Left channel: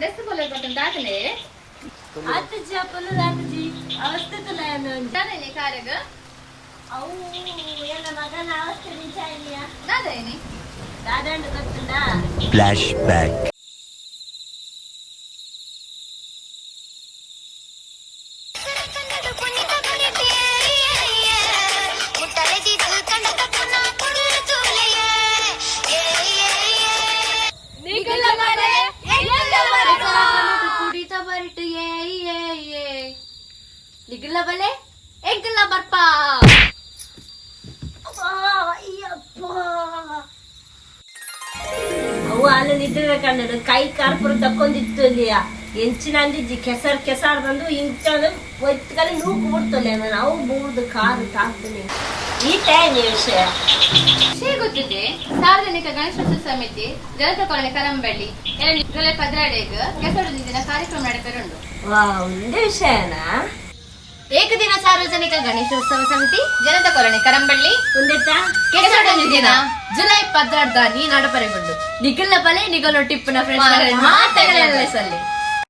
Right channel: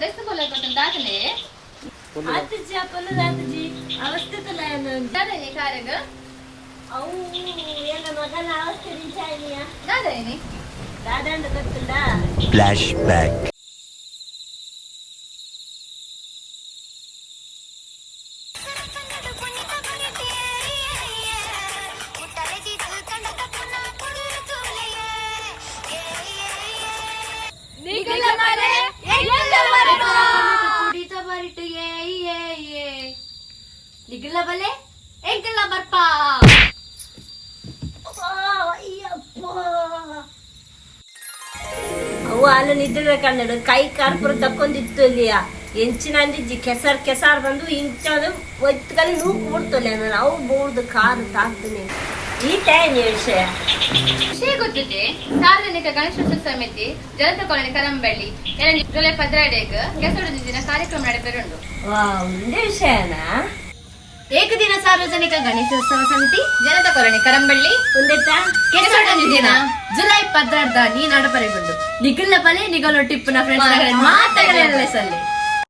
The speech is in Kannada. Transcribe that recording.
दस्त बोलत होतं टाकले आताची आपण रातची अवस्था तुला नाही काय ग अहो याला मगन अवस्था विचारली दादानी दादा ಗೊತ್ತುಂಟಾ Flashback. ನಿಗಲ ಬಲೆ ಎಂಕಲ ಬರ್ಪ ಅವು ಹಾಲು ನಿದ್ರೆ ಕನ್ನಡ ಕೈ ಕಾರ್ಪುರ ತಕ್ಕೊಂದಿತ್ತು ಇಲ್ಲಿಯ ಎಂಚಿನ ಅಂದಿಜ್ಜಿ ಕೆಸರ್ ಕೆಸಾರ್ ಬಂದು ಇಂಚದು ಒತ್ತಲ್ಲಿ ನೂಕು ಬಿಡ್ತಲ್ಲ ನಾನು ಅವು ಬೋರ್ದು ಕಾರು ತಾಕ್ತೀನಿ ಈ ಟೈಮ್ ವಿಷಯ ಗೊತ್ತಿದೆ ಸಾರ್ವಜನಿಕ ಗಣೇಶೋತ್ಸವ ಸಮಿತಿ ಜನತಾ ಕಾಲೋನಿ ಕರಂಬಳ್ಳಿ ಜುಲೈ 12 ಕೆಸರು ದಿನ ಕಾರ್ಯಕ್ರಮ ನಡೆದಿರುಂಡು ಒಂದೇ ವಿಷಯನಾ ಏಕದಿನ ಸಾರ್ವಜನಿಕ ಗಣೇಶೋತ್ಸವ ಸಮಿತಿ ಜನತಾ ಕಾಲೋನಿ ಕರಂಬಳ್ಳಿ ಒಂದೆತ್ತ ಕೆಸರು ದಿನ ಜುಲೈ 12 ನೀ ನಡಪರೆಗೊಂಡು ನಿಗಲ ಬಲೆ ನಿಗಲು ಟಿಪ್ಪುನ ಫ್ರೆಂಡ್ಸ್ ಮಾತಾಡಲೇ ಸಲ್ಲಿ